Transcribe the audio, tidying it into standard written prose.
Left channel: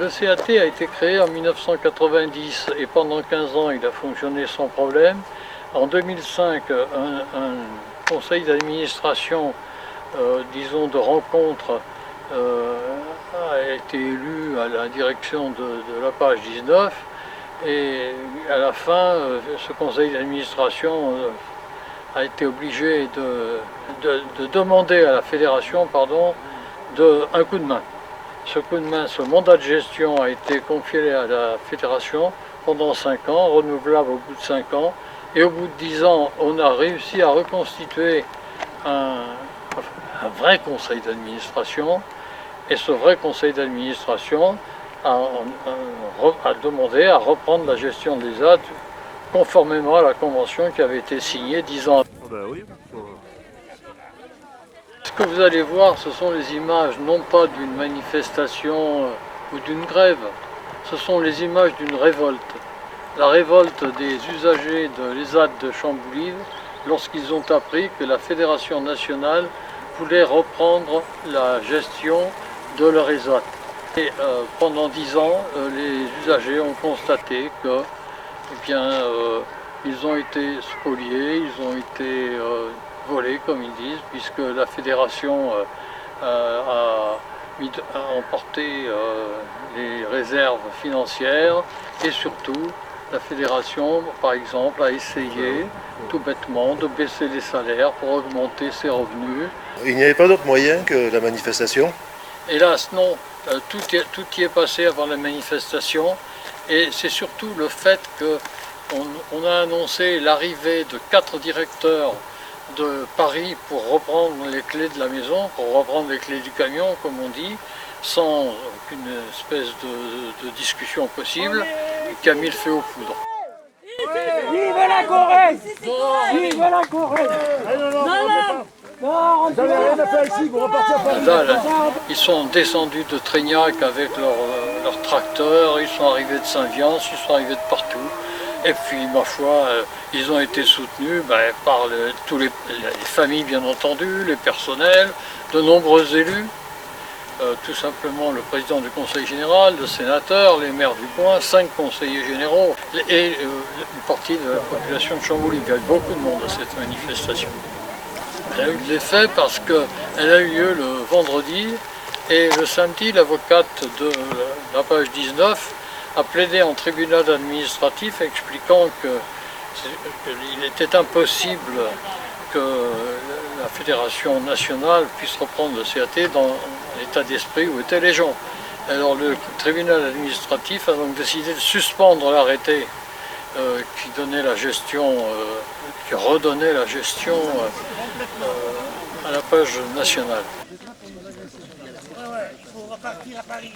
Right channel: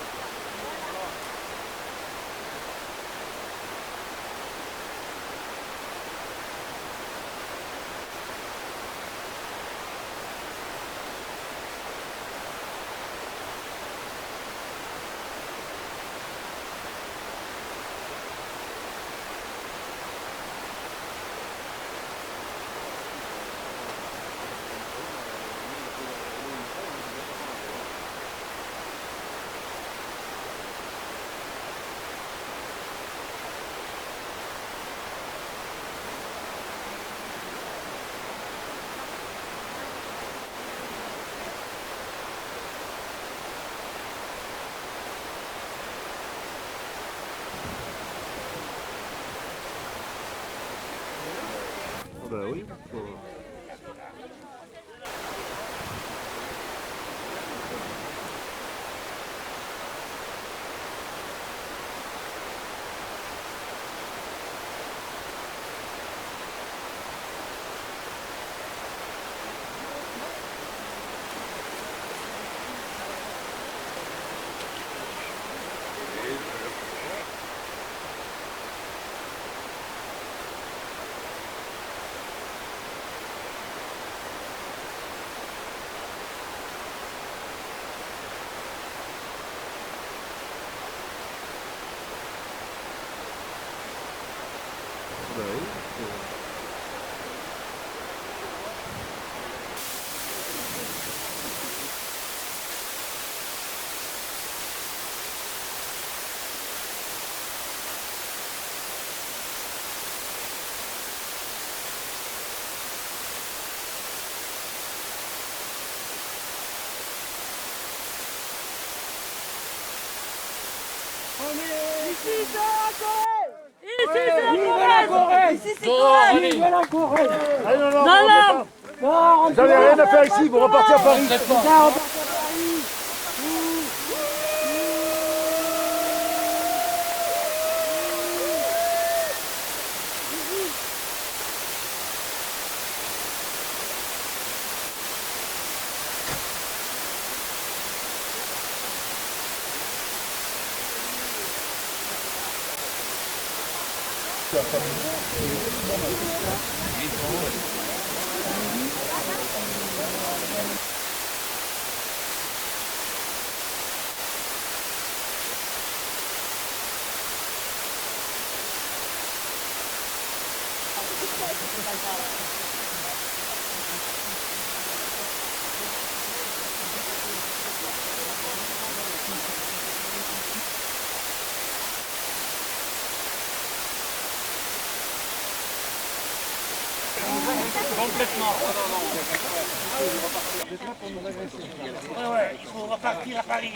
Le CAT a été créé en 1990 et pendant 15 ans il a fonctionné sans problème. En 2005, un conseil d'administration, disons de rencontre, a été élu à la direction de la page 19 et à la fin, ce conseil d'administration a été obligé de demander à la fédération un coup de main. Ce coup de main, ce mandat de gestion a été confié à la fédération pendant 5 ans, renouvelable au bout de 5 ans. Et au bout de 10 ans, on a réussi à reconstituer un vrai conseil d'administration. Et ce vrai conseil d'administration a demandé à reprendre la gestion des ZAD conformément à la convention qui avait été signée 10 ans avant. Ce que vous allez voir, ce sont les images non pas d'une manifestation ou d'une grève, ce sont les images d'une révolte. La révolte des usagers de l'ESAT de Chamboulive lorsqu'ils ont appris que la Fédération nationale voulait reprendre la gestion de leur ESAT. Et pendant 10 ans, les usagers ont constaté que, ils ont été spoliés, ils ont été volés, comme ils disent, puisque la fédération a emporté les réserves financières et surtout la fédération, par exemple, a essayé tout bêtement de baisser les salaires pour augmenter ses revenus. Il n'y avait pas d'autre moyen que la manifestation? Hélas, non. Tout y est passé avant la manifestation et c'est surtout le fait qu'on a annoncé l'arrivée de 4 directeurs de Paris pour reprendre les clés de la maison, pour reprendre les clés du camion, comme on dit, sans une espèce de discussion possible, qui a mis le feu aux poudres. Vive la Corée! Vive la Corée! Non! Vous n'avez rien à faire ici, vous repartez à Paris. Ils sont descendus de Trégnac avec leur tracteur, ils sont arrivés de Saint-Viance, ils sont arrivés de partout. Et puis, ma foi, ils ont été soutenus par toutes les familles, bien entendu, les personnels, de nombreux élus, tout simplement le président du conseil général, le sénateur, les maires du coin, 5 conseillers généraux et une partie de la population de Chamboulive. Il y a eu beaucoup de monde à cette manifestation. Elle a eu de l'effet parce qu'elle a eu lieu le vendredi et le samedi, l'avocate de la page 19 a plaidé en tribunal administratif expliquant qu'il était impossible que la Fédération nationale puisse reprendre le CAT dans l'état d'esprit où étaient les gens. Alors le tribunal administratif a donc décidé de suspendre l'arrêté qui donnait la gestion, qui redonnait la gestion à la page nationale. Il faut repartir à Paris.